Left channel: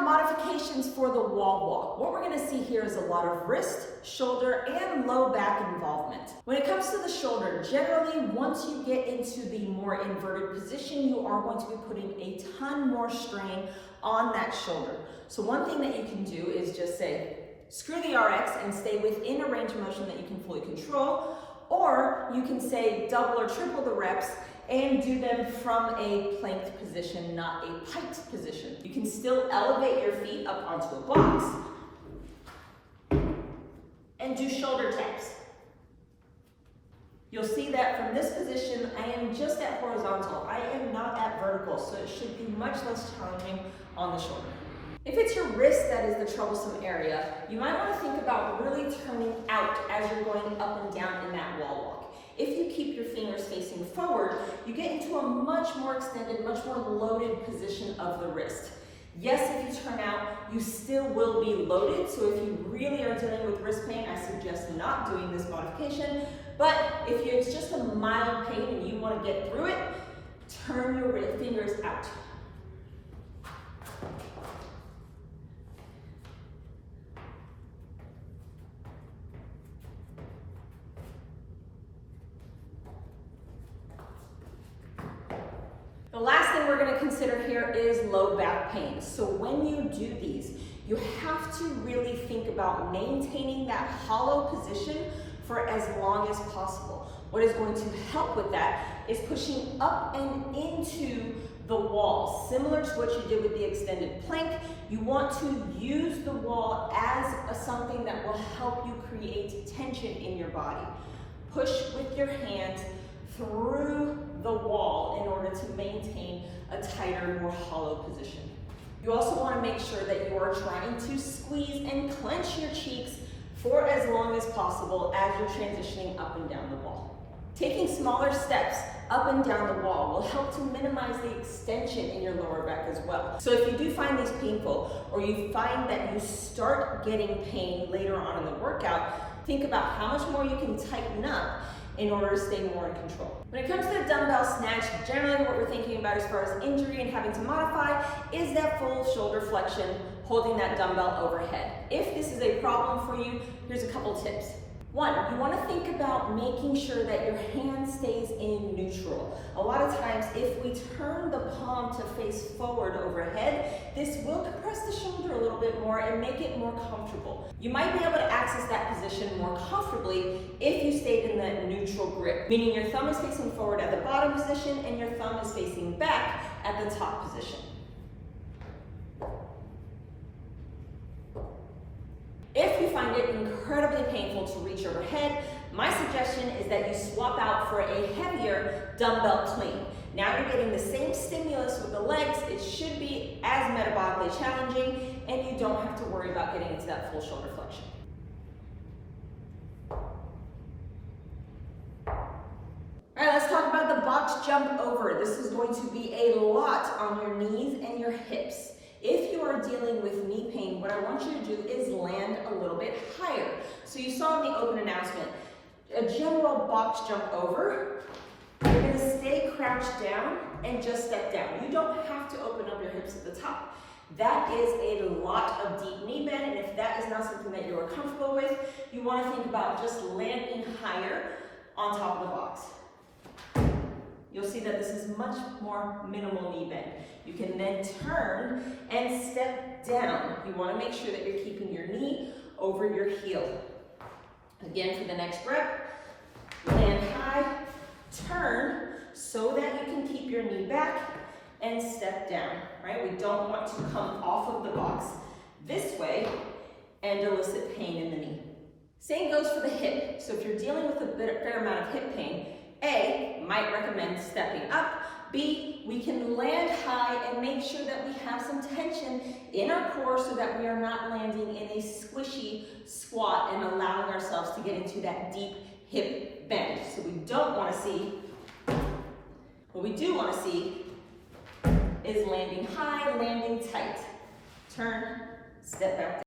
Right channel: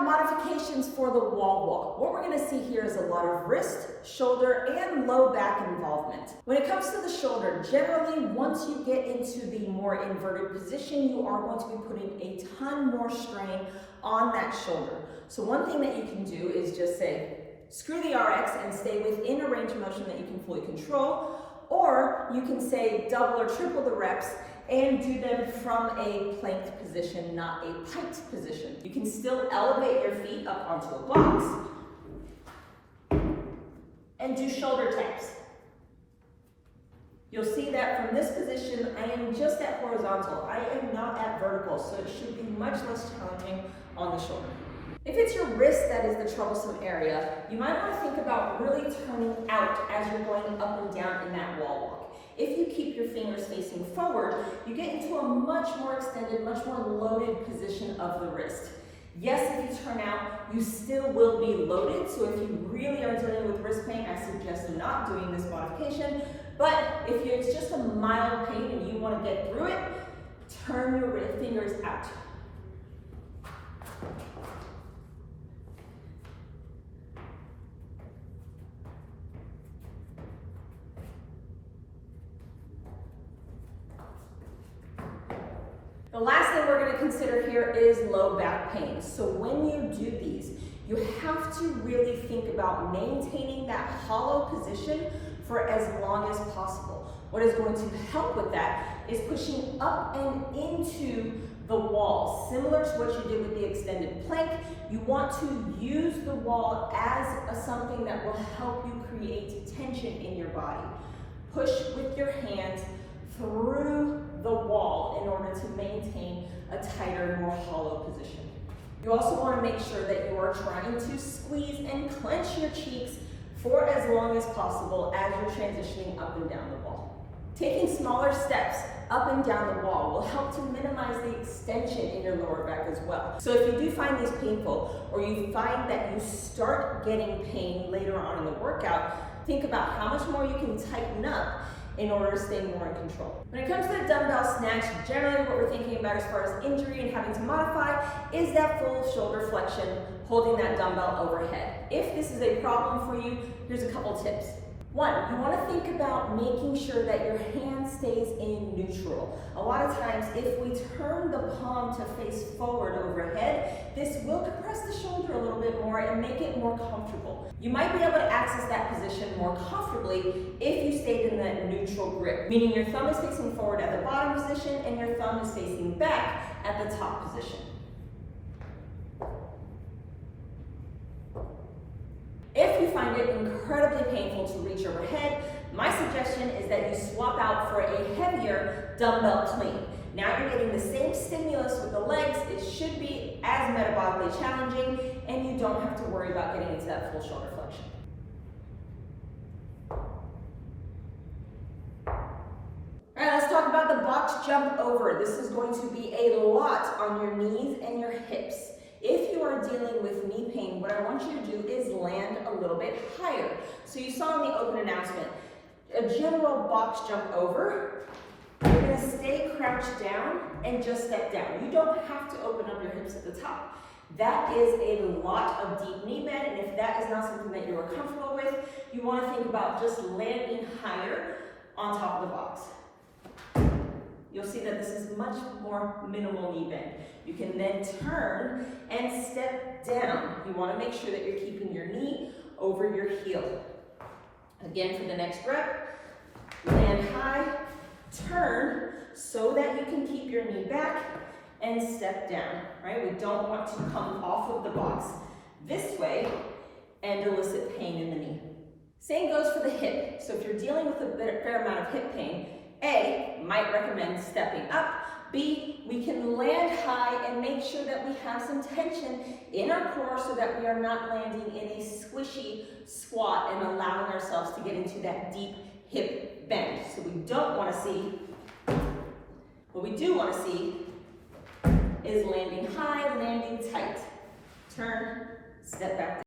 about modifications for the wall walk, what we're going to see here is a lot of wrist, shoulder, and low back involvement. When it comes to the shoulder, generally once you get into the more inverted position, you are going to be putting a ton more strain on that shoulder. So one thing that you can do is just say, screw the RX and stay within a range of motion that you can fully control, or you can say double or triple the reps and do them from a planked position, not a piked position. You can still elevate your feet up onto a box and do shoulder taps. You'll see that from this position, I am just at horizontal. I am not at vertical, so it should be much less challenging on the shoulder. If it's your wrist that is the troublesome area, you might want to think about really turning out as you're going up and down in that wall walk. If you keep your fingers facing forward, you get into a much more extended, much more loaded position of the wrist. Yes, if you turn out, you still will be loaded, so if you really are dealing with wrist pain, I suggest not doing this modification. But if it's just a mild pain and you want to get through it, turn your fingers out. The last thing we're going to consider here is low back pain. So when you do these, you have to really think about maintaining that hollow position for as long as possible. What is going to help with that is pushing up and into the wall. Similar to what you did with the extended plank, you want to use the wall as something that will help you create tension in your body. Push with your hands through the wall in order to maintain a tighter, more hollow position. You also want to make sure that you are trying to squeeze and clench your cheeks for as long as possible as you're transitioning up and down the wall. Taking smaller steps up and down the wall will help to minimize the extension in your lower back as well. So if you do find these painful, or you find that you start getting pain later on in the workout, think about how much more you can tighten up in order to stay more in control. When it comes to the dumbbell snatch, generally what we're thinking about as far as injury and having to modify is that full shoulder flexion, holding that dumbbell overhead. If this is a problem for you, here's a couple tips. One, you want to think about making sure that your hand stays in neutral. A lot of times, if we turn the palm to face forward overhead, this will compress the shoulder a little bit more and make it more comfortable. You might be able to access that position more comfortably if you stayed in that neutral grip, meaning your thumb is facing forward at the bottom position and your thumb is facing back at the top position. If you find it incredibly painful to reach overhead, my suggestion is that you swap out for a heavier dumbbell clean. Now you're getting the same stimulus with the legs, it should be as metabolically challenging, and you don't have to worry about getting into that full shoulder flexion. All right, let's talk about the box jump over. This is going to be a lot on your knees and your hips. If you are dealing with knee pain, what I want you to do is land a little bit higher. So you saw in the open announcement, a general box jump over. You're going to stay crouched down and just step down. You don't have to open up your hips at the top. That is a lot of deep knee bend, and if that is not something that you are comfortable with, you want to think about just landing higher on top of the box. You'll see that this is much more minimal knee bend. You can then turn and step down. You want to make sure that you're keeping your knee over your heel. Again, for the next rep, land high, turn so that you can keep your knee back and step down, right? We don't want to come off of the box this way and elicit pain in the knee. Same goes for the hip. So if you're dealing with a fair amount of hip pain, A, might recommend stepping up. B, we can land high and make sure that we have some tension in our core so that we are not landing in a squishy squat and allowing ourselves to get into that deep hip bend. So we don't want to see, what we do want to see is landing high, landing tight. Turn, step back down.